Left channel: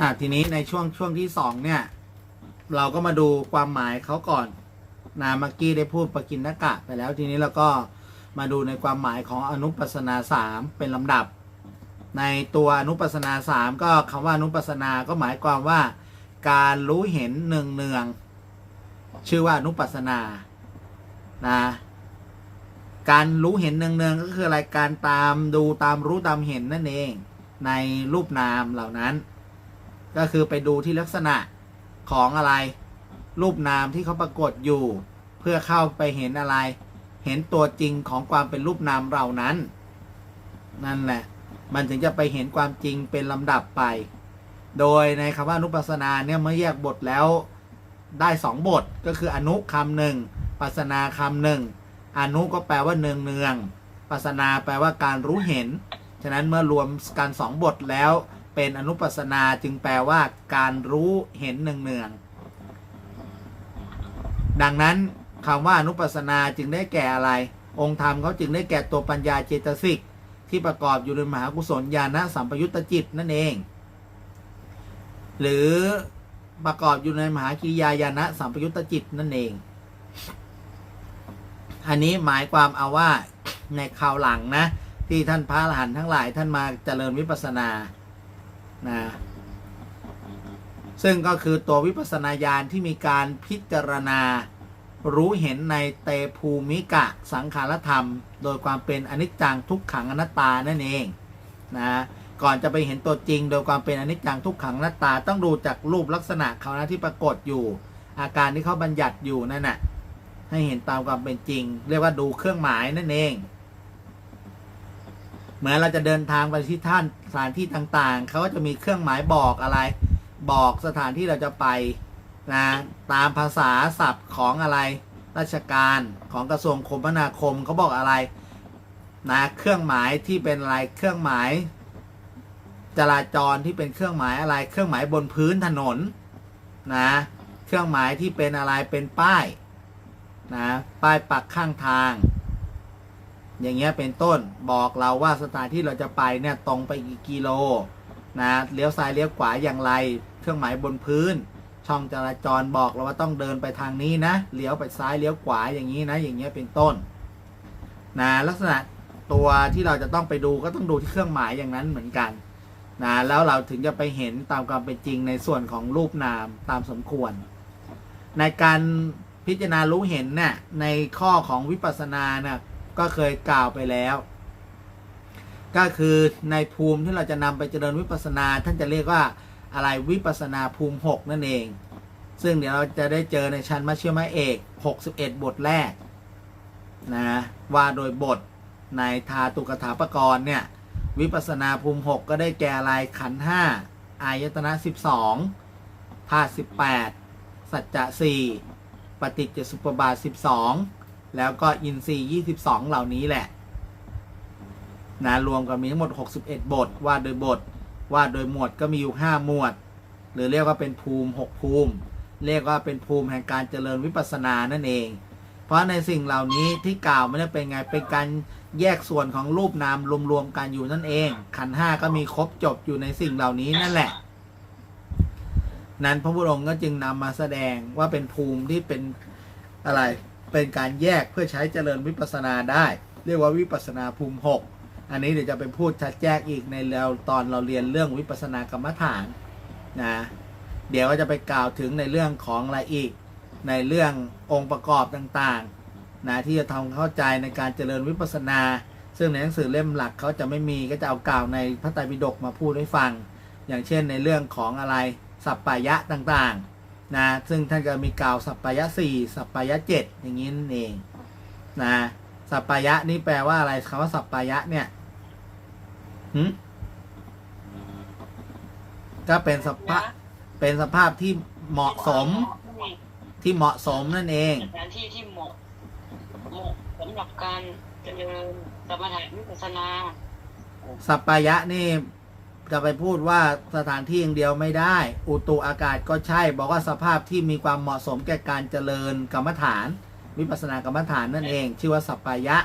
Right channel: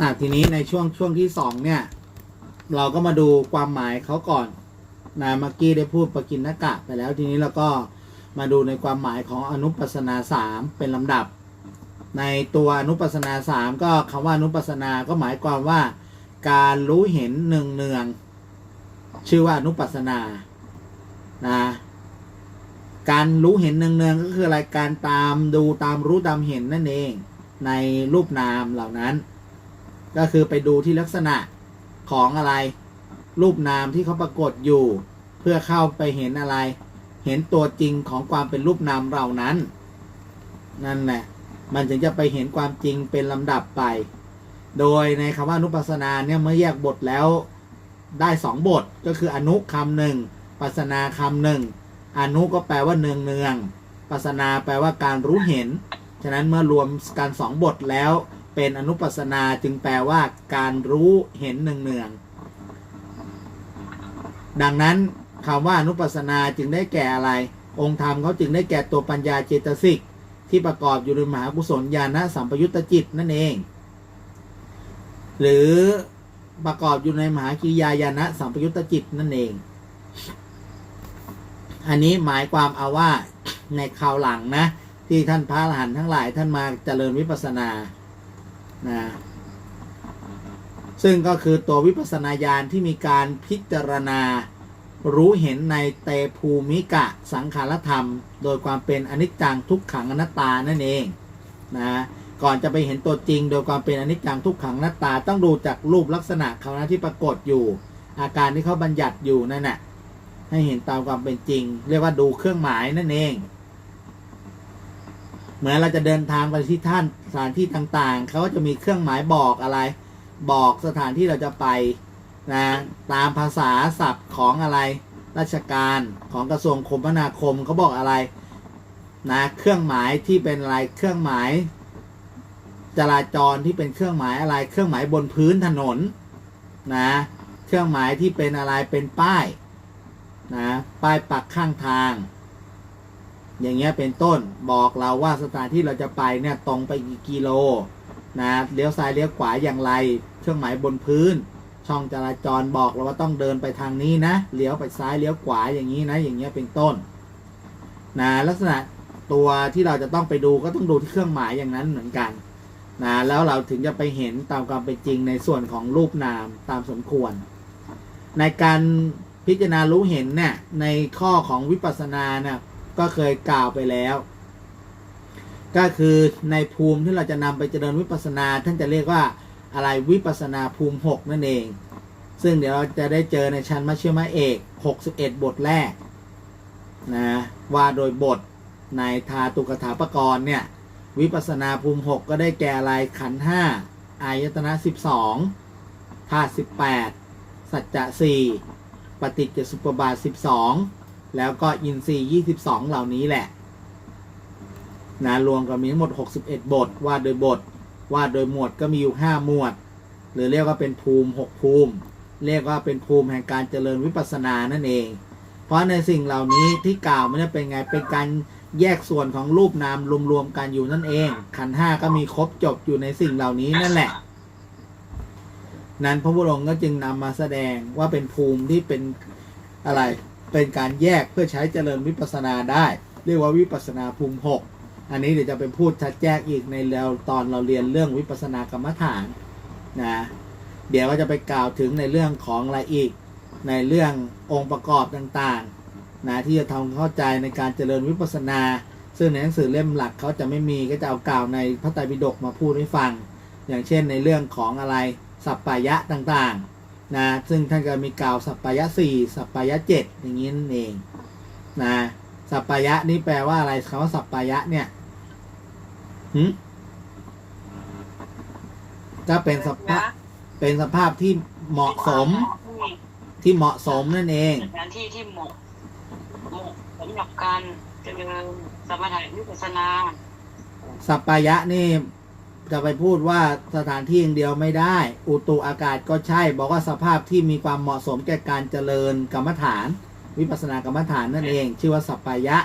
อะทีนี้ในช่วงช่วงที่สองเนี่ย เราก็มาดูความหมายเขาก่อนนะมื่อกี้ได้พูดปกินนกะไปแล้วทีนี้เราก็มาดูในความหมายของอนุปัสนาสามเป็นลำดับ ในตัวอนุปัสนาสามก็คำว่าอนุปัสนาก็หมายความว่า การรู้เห็นเนืองเนืองชื่อว่าอนุปัสนานะการรู้เห็นเนืองๆก็คืออะไรการตามดูตามรู้ตามเห็นนั่นเอง ในรูปนามเหล่านั้น ก็คือไปดูที่ลักษณะของอะไร รูปนามที่เขาปรากฏอยู่ เพื่อเข้าไปเห็นอะไร เห็นตัวจริงของความเป็นรูปนามเหล่านั้น นั่นแหละ มันถึงจะไปเห็นความจริงเป็นลำดับไป โดยในคำว่าอนุปัสนาเนี่ยเมื่อแยกบทแล้วได้สองบทก็คืออนุคำหนึ่งปัสนาคำหนึ่งอนุก็แปลว่าเนืองเนืองปัสนาแปลว่าการรู้เห็น ฉะนั้นเมื่อรวมกันสองบทแล้ว เป็นอนุปัสนาจึงแปลว่าการรู้เห็นเนืองเนืองๆดังนั้นคำว่าอนุปัสนาจึงได้แก่อะไร องค์ธรรมเขาจึงได้แก่ตัวปัญญาเจตสิก ที่ประกอบอยู่ในมหากุศลญาณสัมปยุตตจิตนั่นเอง หรือประกอบอยู่ในมหากิริยาญาณสัมปยุตตจิตนั่นเอง อันนี้หมายความเอาว่าในคราวหลังนะ ที่ท่านพระอรหันต์ทั้งหลายท่านมาเจริญวิปัสสนา นะซึ่งก็คือตัววิปัสนาญาณที่มีการพิจารณารู้เห็นในเตภูมิกะสังขารธรรม โดยความเป็นอนิจจังทุกขังอนัตตานั่นเองนะก่อนจะไปเห็นตัวจริง โดยความเป็นอนิจจังทุกขังอนัตตา ต้องดูจากรูปลักษณะเขานะที่ปรากฏอยู่ อาการที่เขาบัญญัติอยู่นั่นน่ะให้เห็นตามความเป็นจริง เรียกว่าดูเครื่องหมายนั่นเองเหมือนเราจะเดินทางไปที่ท่าน สถานที่ต่างๆ เขาก็จะมีเครื่องหมายบอกอะไร บอกสถานที่เราจะไปนะตามภาษาศัพท์ของอะไรราชการของกระทรวงคมนาคมเขาบอกอะไรนะเครื่องหมายที่เป็นอะไรเครื่องหมาย จราจรที่เป็นเครื่องหมายอะไร เครื่องหมายบนพื้นถนนนะเครื่องหมายที่เป็นอะไรเป็นป้ายนะป้ายปักข้างทาง อย่างเงี้ยเป็นต้นบอกเราว่าสถานที่เราจะไปเนี่ยตรงไปกี่กิโลนะเลี้ยวซ้ายเลี้ยวขวาอย่างไร เครื่องหมายบนพื้น ช่องจราจรบอกเราว่าต้องเดินไปทางนี้นะเลี้ยวไปซ้ายเลี้ยวขวาอย่างนี้นะอย่างเงี้ยเป็นต้นนะลักษณะตัวที่เราจะต้องไปดูก็ต้องดูที่เครื่องหมายอย่างนั้นเหมือนกันนะแล้วเราถึงจะไปเห็นตามความเป็นจริงในส่วนของรูปนามตามสมควร ในการพิจารณารู้เห็นเนี่ยในข้อของวิปัสสนาเนี่ย ก็เคยกล่าวไปแล้ว ก็คือในภูมิที่เราจะนำไปเจริญวิปัสนา ท่านจะเรียกว่าอะไรวิปัสนาภูมิหกนั่นเอง ซึ่งเดี๋ยวเราจะได้เจอในชั้นมัชฌิมเอก 61 บทแรกนะว่าโดยบทในทาตุกถาปกรณ์เนี่ย วิปัสนาภูมิหกก็ได้แก่อะไรขันห้าอายตนะ 12ธาตุ18 สัจจะสี่ปฏิจจสุปบาท 12 แล้วก็อินทรีย์22เหล่านี้แหละนะรวมก็มีทั้งหมด 61 บทว่าโดยบทว่าโดยหมวดก็มีอยู่ 5 หมวด หรือเรียกว่าเป็นภูมิ 6 ภูมิ เรียกว่าเป็นภูมิแห่งการเจริญวิปัสสนานั่นเอง เพราะในสิ่งเหล่านี้ที่กล่าวมันจะเป็นไงเป็นการแยกส่วนของรูปนามรวมๆกันอยู่นั่นเอง ขันห้าก็มีครบจบอยู่ในสิ่งเหล่านี้นั่นแหละ นั้นพระพุทธองค์ก็จึงนำมาแสดงว่าเป็นภูมิที่เป็นอะไร เป็นการแยกเพื่อใช้เจริญวิปัสนาได้ เรียกว่าวิปัสนาภูมิหกอันนี้เดี๋ยวจะไปพูดชัดแจ้งอีกในเราตอนเราเรียนเรื่องวิปัสสนากรรมฐานนะเดี๋ยวก็จะไปกล่าวถึงในเรื่องของอะไรอีก ในเรื่ององค์ประกอบต่างๆนะที่จะทำเข้าใจในการเจริญวิปัสสนา ซึ่งในหนังสือเล่มหลักเขาจะไม่มีก็จะเอากล่าวในพระไตรปิฎกมาพูดให้ฟัง อย่างเช่นในเรื่องของอะไรสัปปายะต่างๆ นะซึ่งท่านก็มีกล่าวสัปปายะสี่สัปปายะเจ็ดอย่างนี้นั่นเองนะสัปปายะนี่แปลว่าอะไรคำว่าสัปปายะเนี่ยหืมก็เป็นสภาพเป็นสภาพที่เหมาะสม ที่เหมาะสมนั่นเองสถานที่ที่เหมาะเหมาะสำหรับการเจริญสมถะวิปัสสนาสัปปายะนี่ จะไปพูดว่าสถานที่อย่างเดียวไม่ได้ อุตุอากาศก็ใช่ บอกว่าสภาพที่มีความเหมาะสมแก่การเจริญกรรมฐาน วิปัสสนากรรมฐานนั่นเอง ชื่อว่าสัปปายะ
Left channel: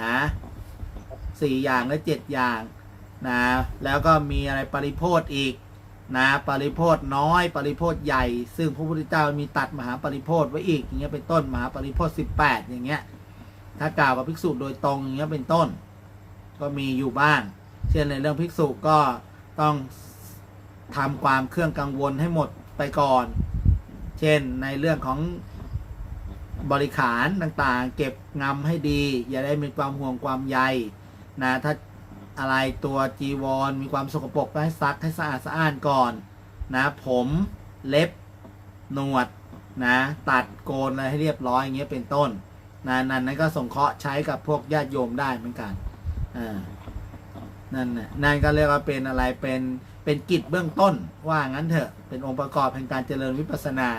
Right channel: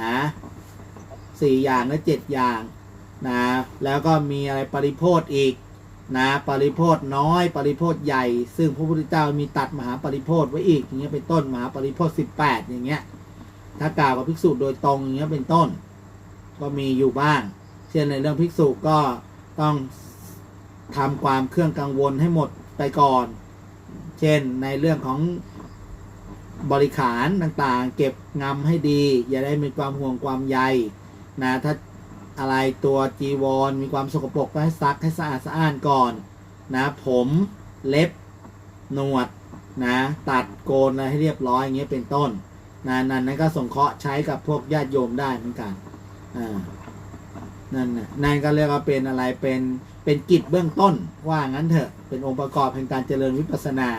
นะสี่อย่างและเจ็ดอย่างนะแล้วก็มีอะไรปริโพธอีกนะปริโพธน้อย ปริโพธใหญ่ ซึ่งพระพุทธเจ้ามีตัดมหาปริโพธไว้อีกอย่างเงี้ยเป็นต้นมหาปริโพธสิบแปดอย่างเงี้ยถ้ากล่าวกับภิกษุโดยตรงอย่างเงี้ยเป็นต้น ก็มีอยู่บ้าง เช่นในเรื่องภิกษุก็ต้องทำความเครื่องกังวลให้หมดไปก่อน เช่นในเรื่องของบริขารต่างๆ เก็บงำให้ดี อย่าได้มีความห่วงความใยนะถ้าอะไรตัวจีวร มีความสกปรกก็ให้ซักให้สะอาดสะอ้านก่อนนะผมเล็บหนวดนะตัดโกนอะไรให้เรียบร้อยอย่างเงี้ยเป็นต้นนะนั่นนั่นก็สงเคราะห์ใช้กับพวกญาติโยมได้เหมือนกันอ่า นั่นน่ะนั่นก็เรียกว่าเป็นอะไรเป็นเป็นกิจเบื้องต้นว่างั้นเถอะเป็นองค์ประกอบแห่งการเจริญวิปัสสนา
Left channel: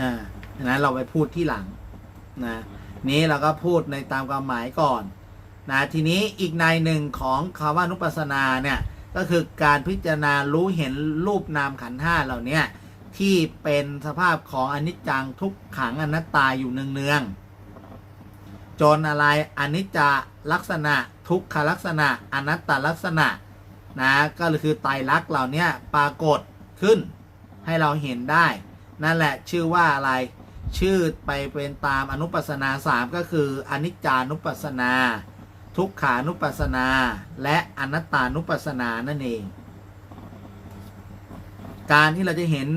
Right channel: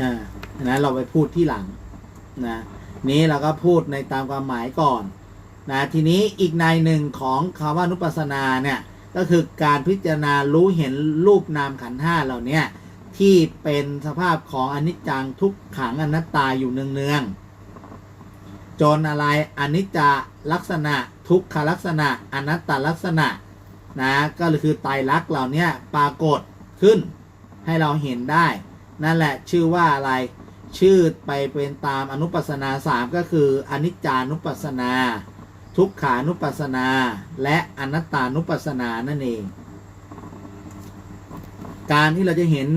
อ่านั้นเราไปพูดที่หลังนะนี้เราก็พูดในตามความหมายก่อนนะทีนี้อีกในหนึ่งของคำว่านุปัสสนาเนี่ยก็คือการพิจารณารู้เห็นรูปนามขันธ์ห้าเหล่าเนี้ยที่เป็นสภาพของอนิจจังทุกขังอนัตตาอยู่เนืองๆ จนอะไรอนิจจลักษณะทุกขลักษณะ อนัตตลักษณะนะก็คือไตรลักษณ์เหล่านี้ปรากฏขึ้นให้เราเห็นได้ นั่นแหละชื่อว่าอะไรชื่อไปเป็นตามอนุปัสนาสามก็คืออนิจจานุปัสนา ทุกขานุปัสนา และอนัตตานุปัสนานั่นเอง การที่เราจะเห็น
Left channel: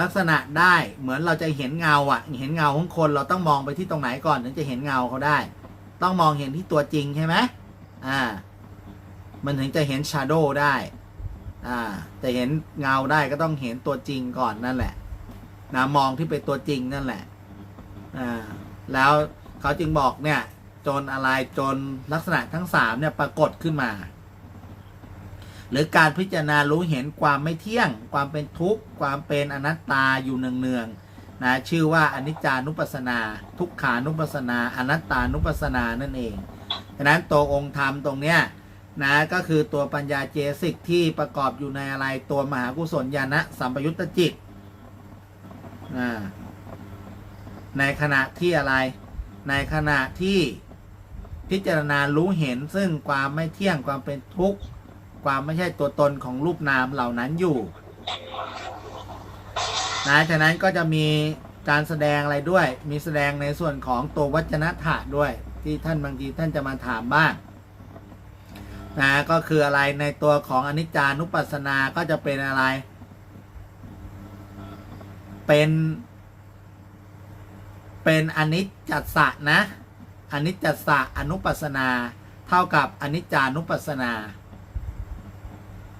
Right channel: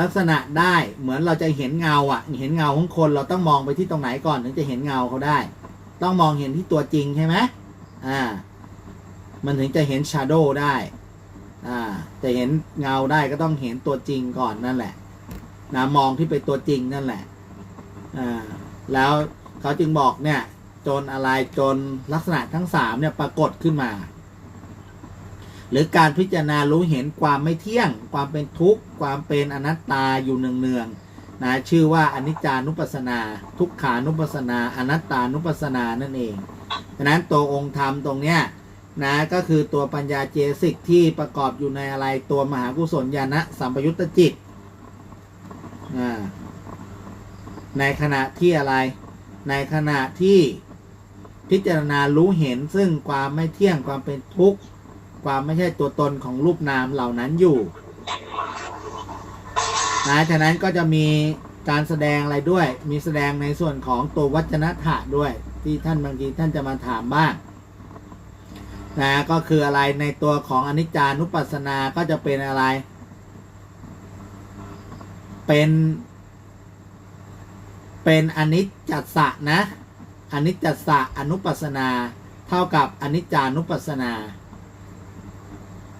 ลักษณะได้เหมือนเราจะเห็นเงาอะ เห็นเงาของคนเราต้องมองไปที่ตรงไหนก่อนถึงจะเห็นเงาเขาได้ ต้องมองเห็นที่ตัวจริงใช่ไหมอ่า มันถึงจะเห็นชาโดว์ได้ อ่าจะเห็นเงาได้ก็ต้องเห็นตัวจริงก่อนนั่นแหละนะมองที่เป็นตัวจริงนั่นแหละอ่าแล้วเขาจึงบอกเนี่ยจนอะไรจนลักษณะทั้งสามเนี่ยปรากฏขึ้นมา หรือการพิจารณารู้เห็นความไม่เที่ยง ความเป็นทุกข์ ความเป็นอนัตตาอยู่เนืองๆนะชื่อว่าอนิจจานุปัสสนา ทุกขานุปัสสนา อนัตตานุปัสสนานั่นเองดังนั้นตัวองค์ธรรมตรงเนี้ยนะก็คือตัวปัญญาเจสิกที่ประกอบอยู่ในอะไรตัวมหากุศลญาณสัมปยุตตจิตอ่าในขณะที่อะไร ในขณะที่พิจารณารู้เห็นซึ่งความไม่เที่ยงความเป็นทุกข์ ความไม่ใช่ตัวตนของรูปนามเหล่านั้นอยู่นะฉะนั้นก็จะมีการแสดงอะไรด้วย มีแสดงในส่วนของตัววัจนะถะด้วย ที่ท่านบางทีท่านจะมาถามบ้างนะก็คืออะไรในตัวของอนิจจานุปัสสนาก็จะเป็นอะไร เป็นเป็นอนิจจัสสะนะอนิจจัสสะอนุปัสสนา เท่ากับอนิจจานุปัสสนา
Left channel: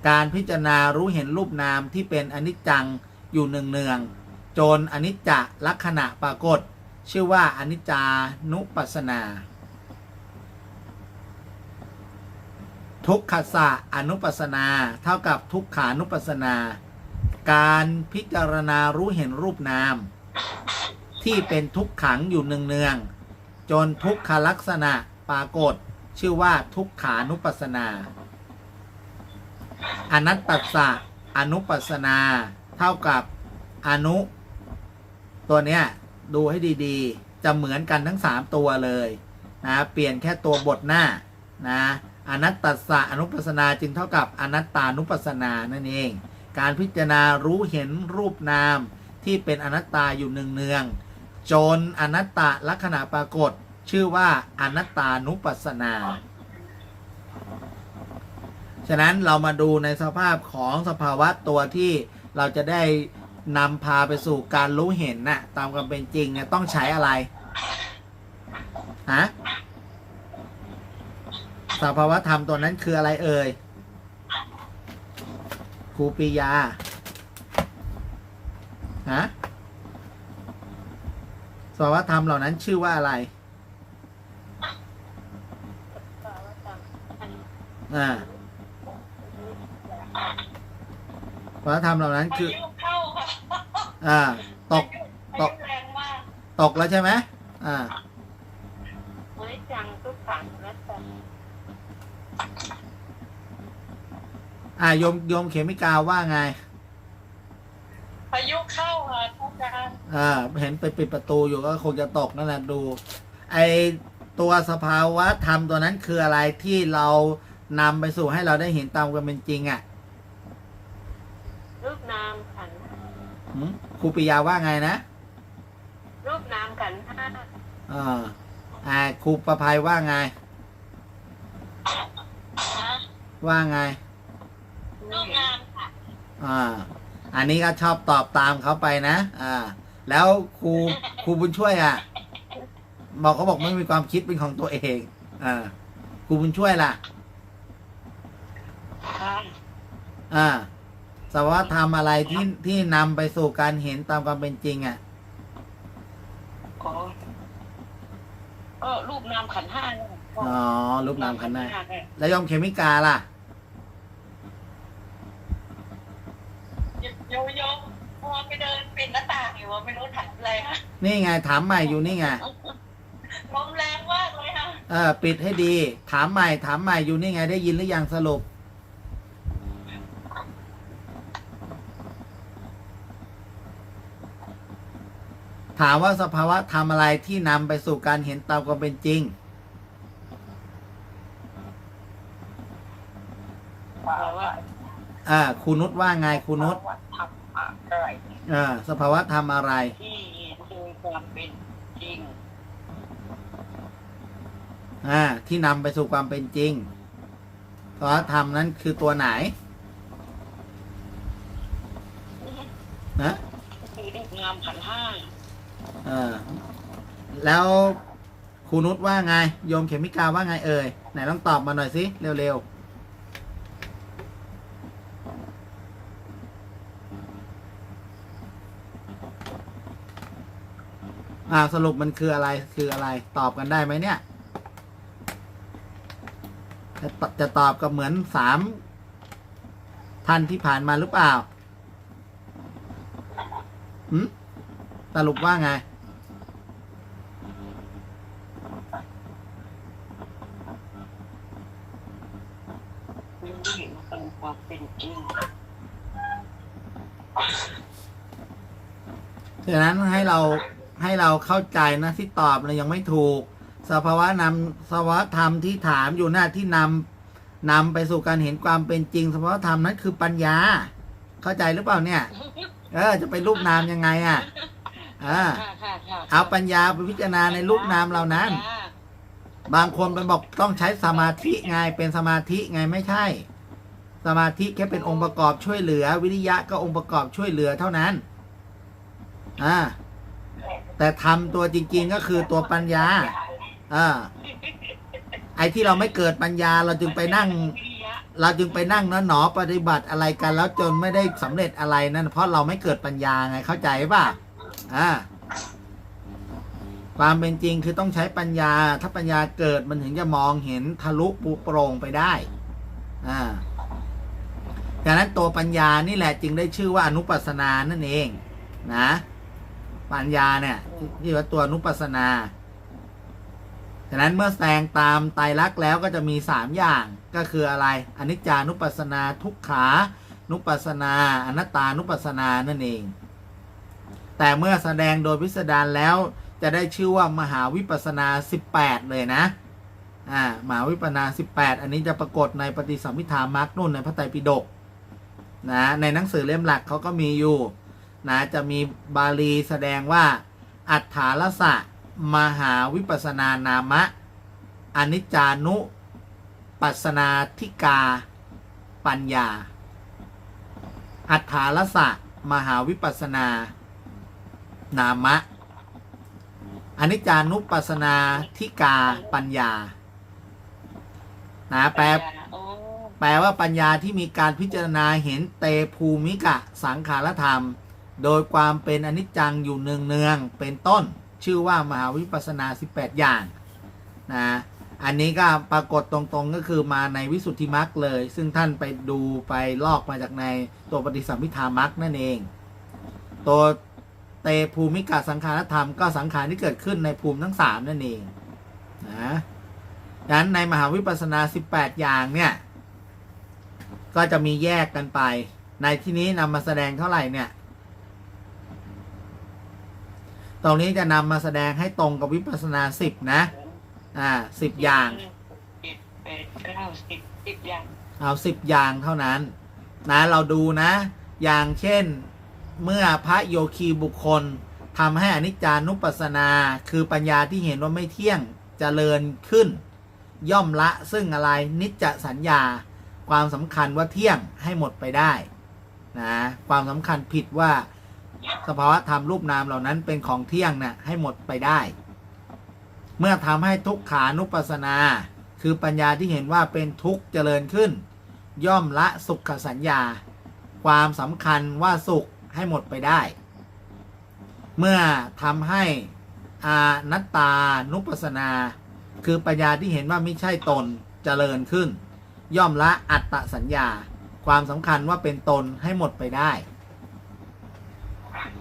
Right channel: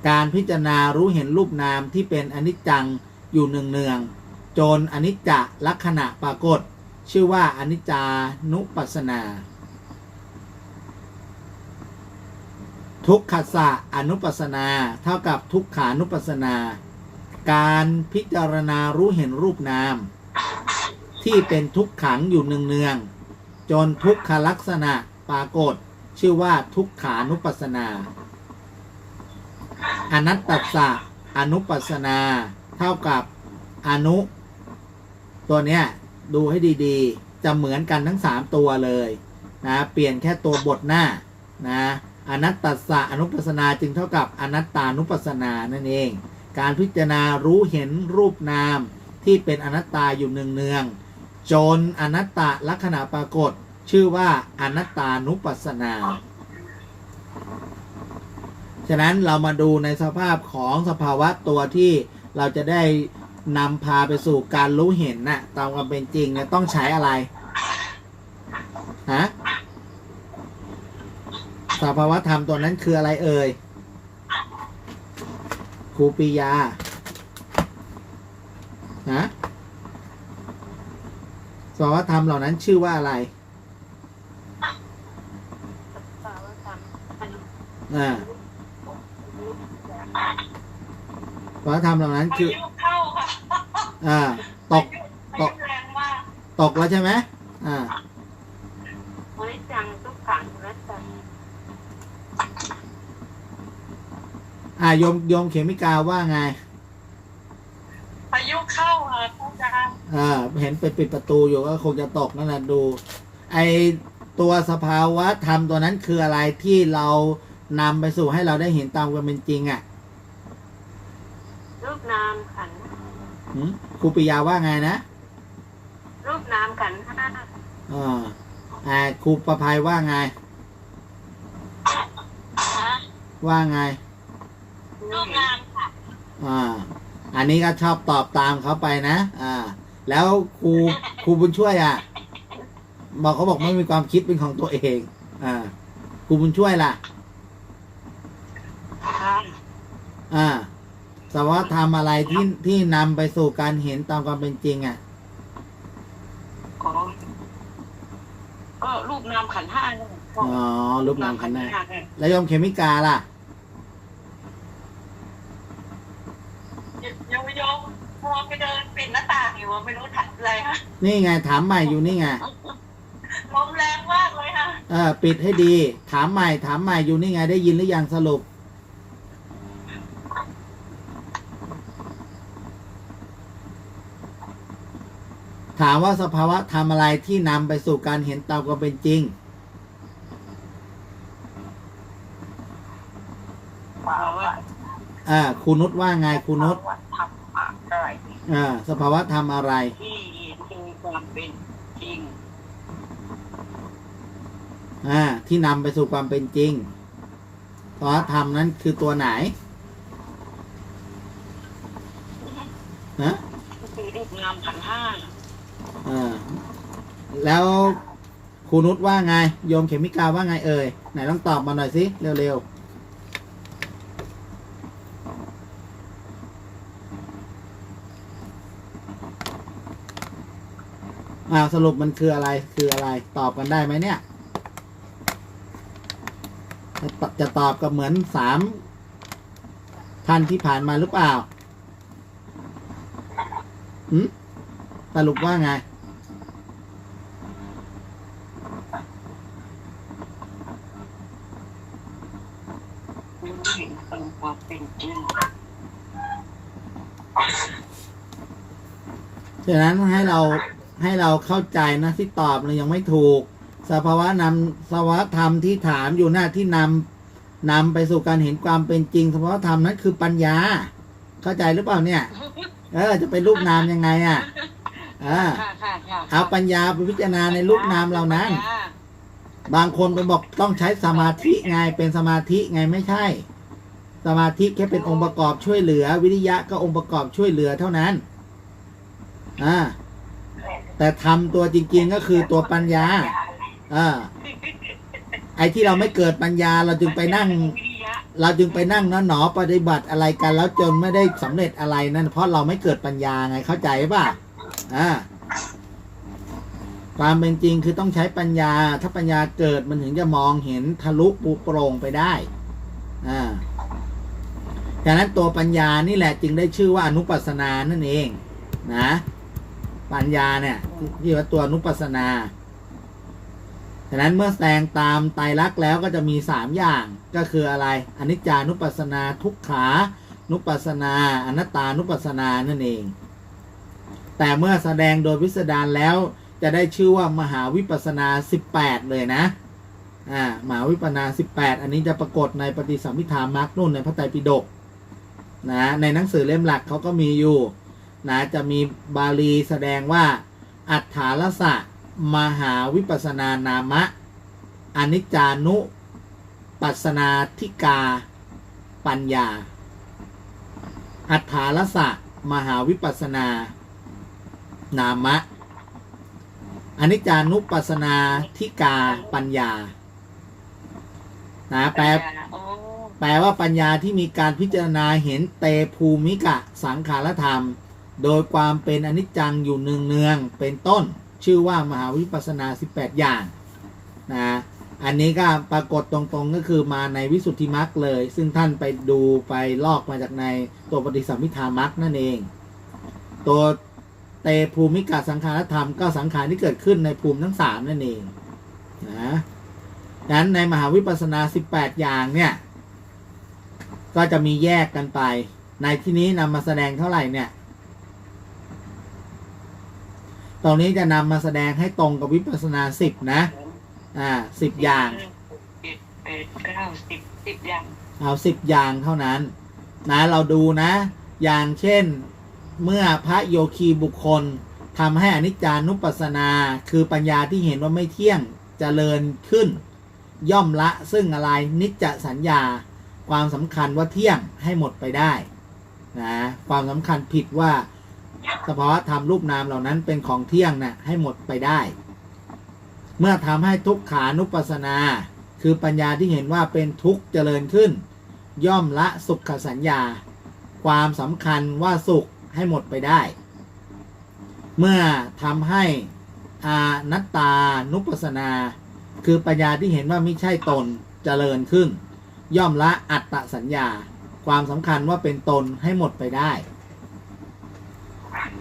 การพิจารณารู้เห็นรูปนามที่เป็นอนิจจังอยู่เนืองๆจนอนิจจลักษณะปรากฏ ชื่อว่าอนิจจานุปัสสนา ทุกขสะอนุปัสนา เท่ากับทุกขานุปัสนา การพิจารณารู้เห็นรูปนาม ที่เป็นทุกขังอยู่เนืองๆจนทุกขลักษณะปรากฏ ชื่อว่าทุกขานุปัสนา อนัตตสะอนุปัสนา เท่ากับอนุ ตัวเนี้ยดูให้ดีๆ จะเหมือนกันทั้งสามตัวเลยนะเปลี่ยนแค่ตัวบทหน้านะอนัตตสะอนุปัสนาจึงเท่ากับอนัตตานุปัสนานั่นเอง การพิจารณารู้เห็นรูปนามที่เป็นอนัตตาอยู่เนืองๆจนอนัตตลักษณะปรากฏ ชื่อว่าอนัตตานุปัสนา ฉะนั้นเรามาดูในสภาพของสภาวะตัวที่เราจะได้นำพาไปสู่การรู้เห็นนะ่ะ ตามความเป็นจริงเนี่ยต้องใช้อะไรฮะสภาวะธรรมตัวนั้นคืออะไรเอ่ยครูปิยาฮะสภาวะธรรมเหล่านั้นชื่อว่าอะไรสาวธรรมอันนี้อ่าสภาวะ ธรรมเหล่านั้นพาคือยุเข้าค่ะอ่าตกพายุแรงมากตกแล้วใช่ไหมอ่าอนิจจังทุกขังอนัตตาอ่าโยมโยมเขมิกาว่าไงพายุเข้าค่ะอาจารย์อ่าเห็นไปปิดประตูอยู่ก็คงจะตกนั่นแหละดู ไอตัวสภาวะธรรมตัวนั้นคืออะไรที่เรานำไปสู่ให้เราได้เห็นตามความเป็นจริงอะ่ะ รูปนามขันธ์หืมครูปิยาว่าไงนะรูปนามขันธ์ห้าอ่าอ่าครูประภัยว่าไงฮะว่าไง รูปนามค่ะอ่า อันนี้ก็ชอบตอบตามเขาไปนะ อ่า แล้วครูครูบุญช่วยอะ บอกเขาบอกไม่มีความคิดเป็นของตัวเอง อ่า ครูบุญช่วยล่ะค่ะอ่า สภาวะธรรมอะไรที่ที่นำไปสู่การเห็นตามความเป็นจริง อะก็ก็รูปนามขันธ์ห้าเนี่ยอ๋อรูปนามขันธ์หน้าเนี่ยแล้วโยมเคมิกาล่ะ โยโย่พอไปเดินปิดหน้าต่างอยู่ว่าไม่รู้ถัดอะไรฮะนี่ไงถามใหม่อยู่นี่ไงลมแรงมากเลยค่ะเออปิดให้ดี ถามใหม่ ถามใหม่อยู่นี่ไง ได้ยินหรือยังสรุป ถามว่าสภาวะทำอะไรที่นำไปสู่การเห็นตามความเป็นจริงภาวะอ่าครูนุชว่าไงครูนุชภาวะธรรมอะไรอ่าสภาวะทำอะไรที่เห็นโดยความเป็นจริงอ่าที่นำไปสู่ความเป็นจริงสภาวะธรรมนั้นคือตัวไหนนะ ก็คือรูปนามขันธ์ห้า เออ แล้วครูนุชว่าไง โยมเขมิกาว่าไงเอ่ย ไหนต้องตอบมาหน่อยสิเร็วๆอ่าสรุปมันคืออะไรคืออะไรตอบกันได้ไหมเนี่ย จะตจะตอบกับเหมือนสามท่านที่ผ่านมาหรือเปล่า หืมสรุปว่าไง รู้เห็นตามความเป็นจริง ฉะนั้นให้เราให้เราเข้าใจนะที่ตอบเรายังไม่ถูก สภาวะนำสภาวะธรรมที่ถามอยู่หน้าที่นำนำไปสู่การเห็นความเป็นจริง สภาวะธรรมนั้นคือปัญญา เข้าใจหรือเปล่าเนี่ย เออ จะไปรูปนามยังไงอะเออค่ะค่ะค่ะเอาปัญญาไปพิจารณาในรูปนามเหล่านั้น บางคนไปบอกต้องใช้สมาธิไงเป็นสมาธิไงไม่ใช่ สมาธิแค่เป็นองค์ประกอบช่วยเหลือ วิริยะก็องค์ประกอบช่วยเหลือเท่านั้น อ่า แต่ทำตัวจริง ๆ ก็คือตัวปัญญาอ่าไอ้ที่เราไม่เกิดปัญญาเราจึงไปนั่ง เราจึงไปนั่งนอนหนอปฏิบัติอะไรกัน แล้วจนไม่ได้สำเร็จอะไรนั่นเพราะเราไม่เกิดปัญญาไงเข้าใจป่ะอ่าความเป็นจริงคือต้องใช้ปัญญา ถ้าปัญญาเกิดมันถึงจะมองเห็นทะลุปุโปร่งไปได้ อ่าดังนั้นตัวปัญญานี่แหละจึงได้ชื่อว่าอนุปัสสนานั่นเอง นะ ปัญญาเนี่ยที่ว่าตัวนุปัสนาฉะนั้นเมื่อแสดงตามไตรลักษณ์แล้วก็จะมีสามอย่างก็คืออะไรอนิจจานุปัสนาทุกขานุปัสนาอนัตตานุปัสนานั่นเอง แต่เมื่อแสดงโดยพิสดารแล้วจะได้ชื่อว่ามหาวิปัสสนา 18 เลยนะอ่ามหาวิปัสสนา 18 อันนี้จะปรากฏในปฏิสัมพิธามักนุ่นในพระไตรปิฎกนะในหนังสือเล่มหลักเขาก็มีอยู่ นะจะมีบาลีแสดงว่า อัฏฐาลสะ มหาวิปัสสนานามะ อนิจจานุ ปัสสนาธิกา ปัญญา อัฏฐาลสะ มหาวิปัสสนานามะ อนิจจานุปัสสนาธิกาปัญญานะแปลโอ้แปลว่าปัญญาที่มีการพิจารณาเห็นเตภูมิกะสังขารธรรม โดยความเป็นอนิจจังอยู่เนืองๆเป็นต้น ชื่อว่ามหาวิปัสสนา 18 อย่างนะอันนี้ก็ปรากฏตรงๆก็คือมาในวิสุทธิมรรคเลย ซึ่งท่านไปดูไปลอกมาจากในตัวปฏิสัมพิธามรรคนั่นเอง ตัวเตภูมิกะสังขารธรรมก็สังขารที่เกิดขึ้นในภูมิทั้งสามนั่นเองนะดังนั้นในมหาวิปัสสนา 18 อย่างเนี่ย ก็จะมีแยกกันไป ในที่นี้นำมาแสดงเท่าไหร่เนี่ย ตรงนี้จะนำมาแสดงให้ตรงกับวิปัสสนาสิบนะ อ่าสิบอย่างเจ็ดแปดเก้าสิบสิบอย่าง เอาสิบอย่างเท่านั้น นะเราดูนะ อย่างเช่นเมื่อพระโยคีบุคคลทำให้อนิจจานุปัสสนา คือปัญญาที่เห็นว่าไม่เที่ยงจเจริญขึ้น ย่อมละซึ่งอะไรนิจจสัญญา ความสำคัญว่าเที่ยงให้หมดไปได้นะความสำคัญผิดว่า สภาวะธรรมรูปนามเหล่านั้นเป็นของเที่ยงนะ่ะให้หมดไปได้ เมื่อทำให้ทุกขานุปัสสนา คือปัญญาที่เห็นว่าเป็นทุกข์เจริญขึ้น ย่อมละสุขสัญญา ความสำคัญว่าสุขให้หมดไปได้ เมื่อทำให้อานัตตานุปัสสนา คือปัญญาที่เห็นว่าไม่ใช่ตนเจริญขึ้น ย่อมละอัตตสัญญา ความสำคัญว่าเป็นตนให้หมดไปได้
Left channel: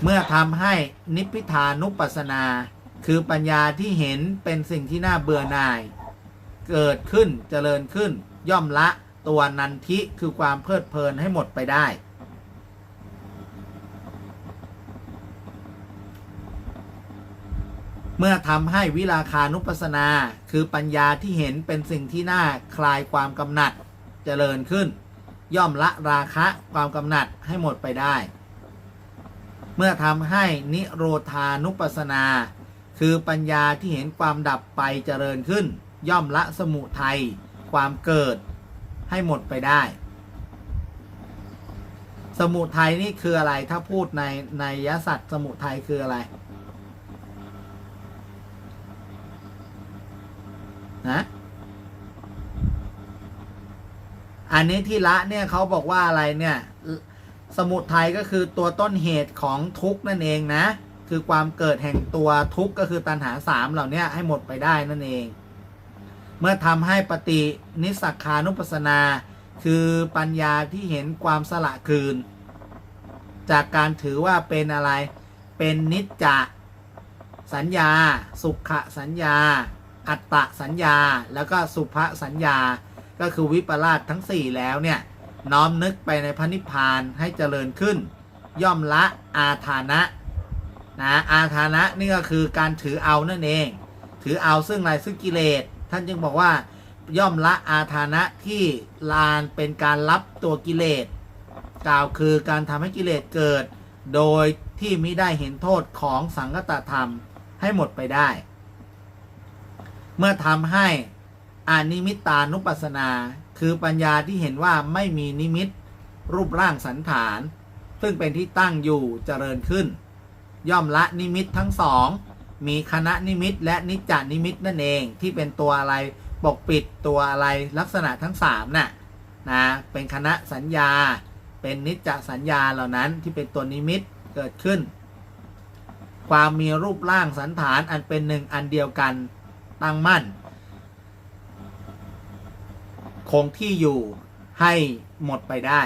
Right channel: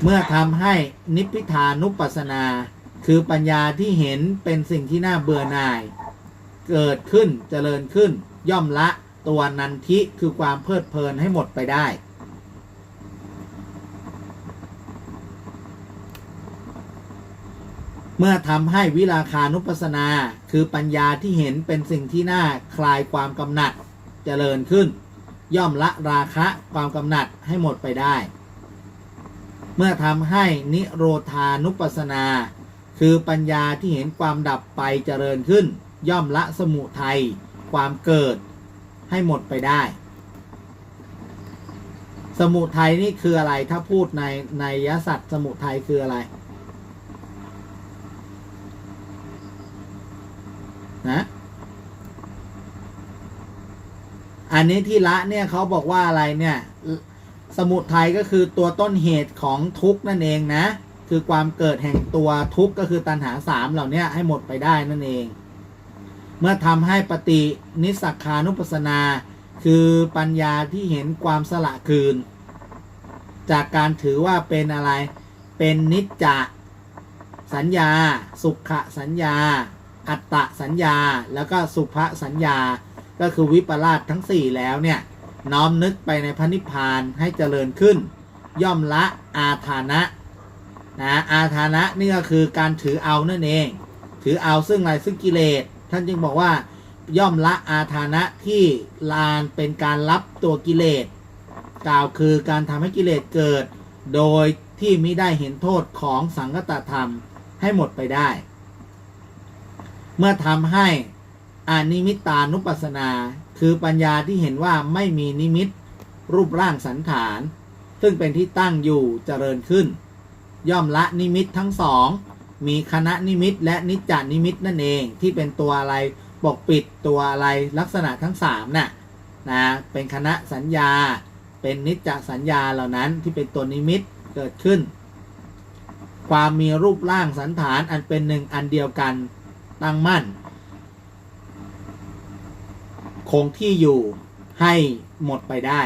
เมื่อทำให้นิพพิทานุปัสสนา คือปัญญาที่เห็นเป็นสิ่งที่น่าเบื่อหน่าย เกิดขึ้นเจริญขึ้น ย่อมละตัวนันทิคือความเพลิดเพลินให้หมดไปได้ เมื่อทำให้วิราคานุปัสสนา คือปัญญาที่เห็นเป็นสิ่งที่น่าคลายความกำหนัดเจริญขึ้น ย่อมละราคะความกำหนัดให้หมดไปได้ เมื่อทำให้นิโรธานุปัสนา คือปัญญาที่เห็นความดับไปเจริญขึ้น ย่อมละสมุทัยความเกิดให้หมดไปได้ สมุทัยนี่คืออะไรถ้าพูดในในยสัตว์สมุทัยคืออะไรนะอันนี้ที่ละเนี่ยเขาบอกว่าอะไรเนี่ย สมุทัยก็คือตัวต้นเหตุของทุกข์นั่นเองนะ คือความเกิดแห่งตัวทุกข์ก็คือตัณหาสามเหล่านี้ให้หมดไปได้นั่นเอง เมื่อทำให้ปฏินิสักานุปัสนา คือปัญญาที่เห็นความสละคืน จากการถือว่าเป็นอะไร เป็นนิจจสัญญา สุขสัญญา อัตตสัญญา แล้วก็สุภสัญญา ก็คือวิปลาสทั้ง 4 แล้วเนี่ย น้อมนึกไปในพระนิพพานให้เจริญขึ้น ย่อมละอาทานะนะอาทานะนี่ก็คือการถือเอานั่นเอง ถือเอาซึ่งอะไรซึ่งกิเลสท่านจึงบอกว่าย่อมละอาทานะที่ลานเป็นการรับตัวกิเลสกล่าวคือการทำให้กิเลสเกิด โดยที่มิได้เห็นโทษของสังคตธรรมให้หมดไปได้ เมื่อทำให้อานิมิตานุปัสสนา คือปัญญาที่เห็นว่าไม่มีนิมิต รูปร่างสันฐาน ซึ่งเป็นที่ตั้งอยู่เจริญขึ้น ย่อมละนิมิตทั้งสอง มีคณะนิมิตและนิจจานิมิตนั่นเอง ที่เป็นตัวอะไรปกปิดตัวอะไรลักษณะทั้งสามน่ะนะเป็นคณะสัญญา เป็นนิจจสัญญาเหล่านั้นที่เป็นตัวนิมิตเกิดขึ้น ความมีรูปร่างสันฐานอันเป็นหนึ่งอันเดียวกันตั้งมั่น คงที่อยู่ให้หมดไปได้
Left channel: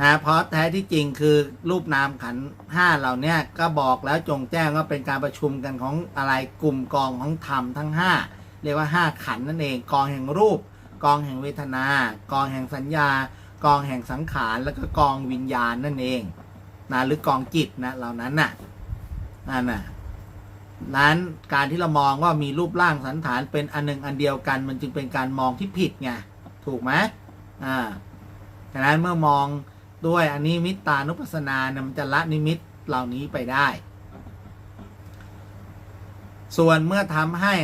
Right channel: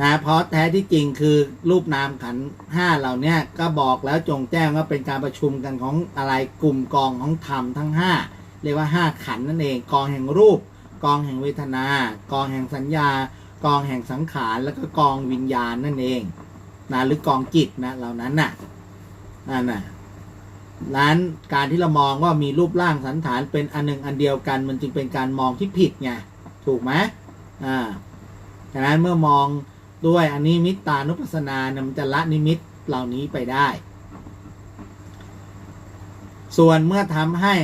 นะเพราะแท้ที่จริงคือรูปนามขันห้าเหล่านี้ก็บอกแล้วจงแจ้งว่าเป็นการประชุมกันของอะไรกลุ่มกองของธรรมทั้งห้าเรียกว่าห้าขันนั่นเองกองแห่งรูป กองแห่งเวทนา กองแห่งสัญญา กองแห่งสังขารแล้วก็กองวิญญาณนั่นเองนะหรือกองจิตนะเหล่านั้นน่ะนั่นน่ะ นั้นการที่เรามองว่ามีรูปร่างสันฐานเป็นอันหนึ่งอันเดียวกัน มันจึงเป็นการมองที่ผิดไงถูกไหมอ่าดังนั้นเมื่อมองด้วยอันนี้มิตตานุปัสสนานะมันจะละนิมิตเหล่านี้ไปได้ ส่วนเมื่อทำให้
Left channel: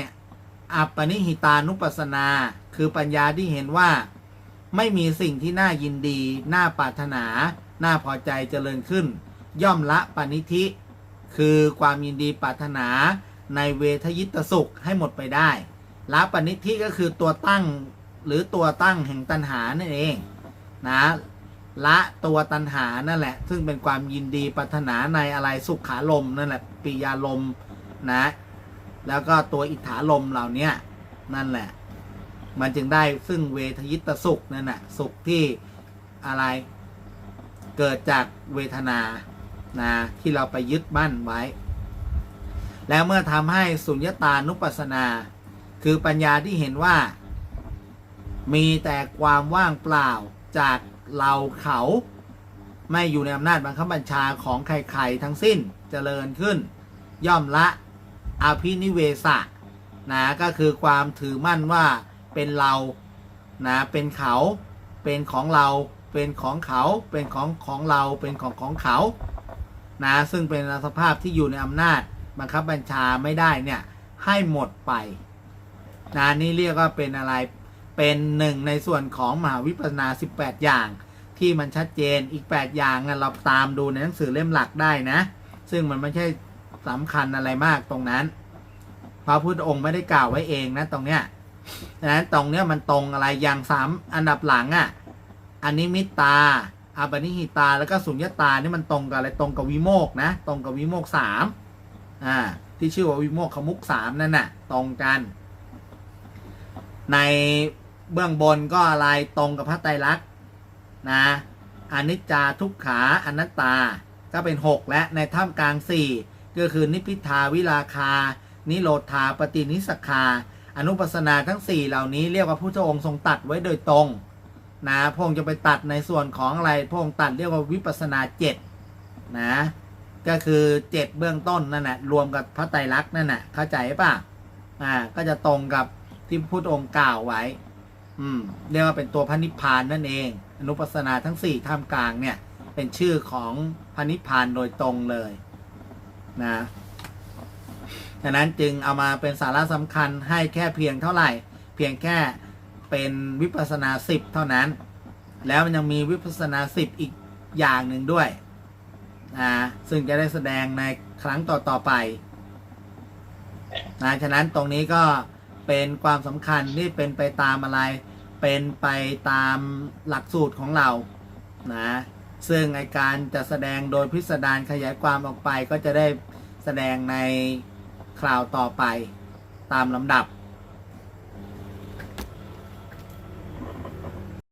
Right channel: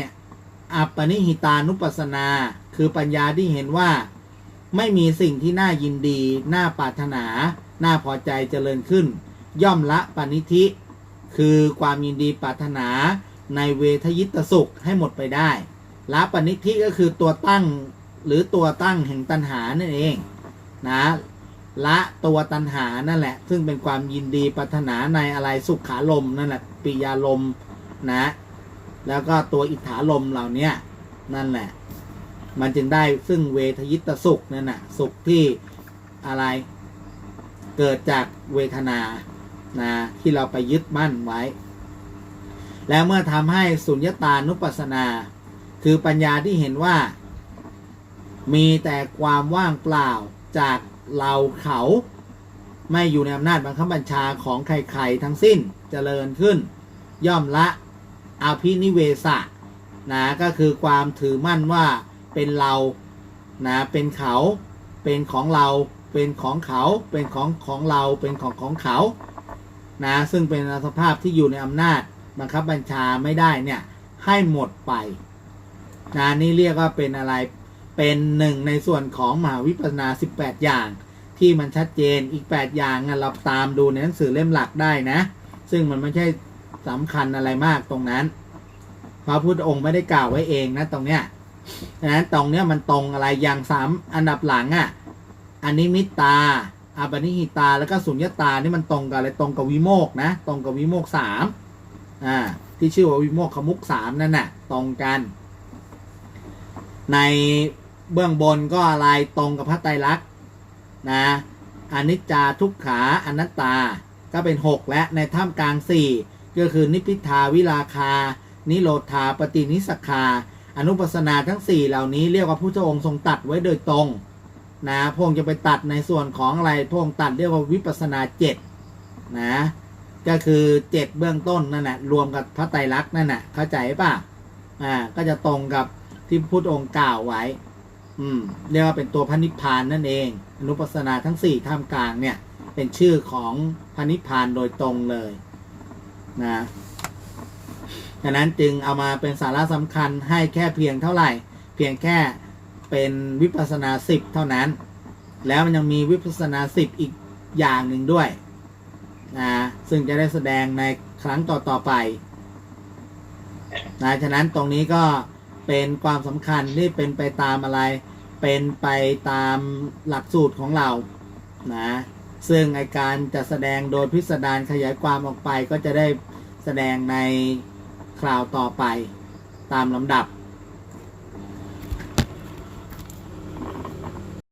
อัปปนิหิตานุปัสสนา คือปัญญาที่เห็นว่าไม่มีสิ่งที่น่ายินดี น่าปรารถนา น่าพอใจเจริญขึ้น ย่อมละปณิธิ คือความยินดีปรารถนาในเวทยิตสุขให้หมดไปได้ละปณิธิก็คือตัวตั้งหรือตัวตั้งแห่งตัณหานั่นเองนะละตัวตัณหานั่นแหละ ซึ่งเป็นความยินดีปรารถนาในอะไรสุขขาลมนั่นแหละปิยาลมนะ แล้วก็ตัวอิทธาลมเหล่านี้นั่นแหละ มันจึงได้ซึ่งเวทยิตสุขนั่นแหะสุขที่อะไรเกิดจากเวทนา นะที่เราไปยึดมั่นไว้ แล้วเมื่อทำให้สุญญตานุปัสสนา คือปัญญาที่เห็นว่า มีแต่ความว่างเปล่าจากเราเขาไม่อยู่ในอำนาจบังคับบัญชาของใครๆทั้งสิ้นเจริญขึ้น ย่อมละอภินิเวสะนะก็คือความถือมั่นว่าเป็นเรานะเป็นเขา เป็นของเรา เป็นของเขา เป็นของของเรา เป็นของของเขา นะซึ่งเป็นสภาพที่อยู่ในอำนาจบังคับบัญชาไม่ได้เนี่ยให้หมดไปนะนี่เรียกว่าเป็นอะไรเป็นหนึ่งในส่วนของมหาวิปัสสนา 18 อย่าง ที่มันชัดเจนอีก 8 อย่างนะเราตามดูในหนังสือเล่มหลักได้นะ ซึ่งมันไม่ใช่สำคัญอะไรมากตรงนั้นพระพุทธองค์ไม่ได้กล่าวไว้เองนะตรงเนี้ยดังนั้นตรงเนี้ยมันตรงอะไรอย่างสามอันดับหลังอะ่ะอันนี้มิตตา อาปนิหิตาแล้วก็สุญญตานี่มันตรงกับอะไรตรงกับวิโมกนะ ตรงกับวิโมกสามอ่าที่ชื่อว่าวิโมกขมุกสามนั่นน่ะตรงกัน ในเบื้องบนก็อะไรตรงกับพระไตรลักษณ์นะอนิจจาทุกขาอนัตตาก็เป็น 6 และในท่ามกลาง 4 ก็คือนิพิทาวิราคา นิโรธาปฏินิสคา อนุปัสนาทั้ง 4 เหล่านี้เรียกว่าพระองค์ทรงตัดไว้โดยตรง นะพงค์จะไปตัดในส่วนของอะไรพงค์ตัดเรียกว่าวิปัสนาเจ็ดนะก็คือเจ็ดเบื้องต้นนั่นแหละรวมกับพระไตรลักษณ์นั่นแหละเข้าใจป่ะอ่าก็จะตรงกับที่พุทธองค์กล่าวไว้ อืมเรียกว่าเป็นตัวพระนิพพานนั่นเอง อนุปัสสนาทั้งสี่ท่ามกลางเนี่ย เป็นชื่อของพระนิพพานโดยตรงเลยนะดังนั้นจึงเอามาเป็นสาระสำคัญให้แค่เพียงเท่าไหร่ เพียงแค่ เป็นวิปัสนาสิบเท่านั้น แล้วมันยังมีวิปัสนาสิบอีกอย่างหนึ่งด้วยนะซึ่งจะได้แสดงในครั้งต่อๆไปนะฉะนั้นตรงนี้ก็เป็นความสำคัญที่เป็นไปตามอะไร เป็นไปตามหลักสูตรของเรานะซึ่งไอการจะแสดงโดยพิสดารขยายความออกไปก็จะได้แสดงในคราวต่อไปตามลำดับ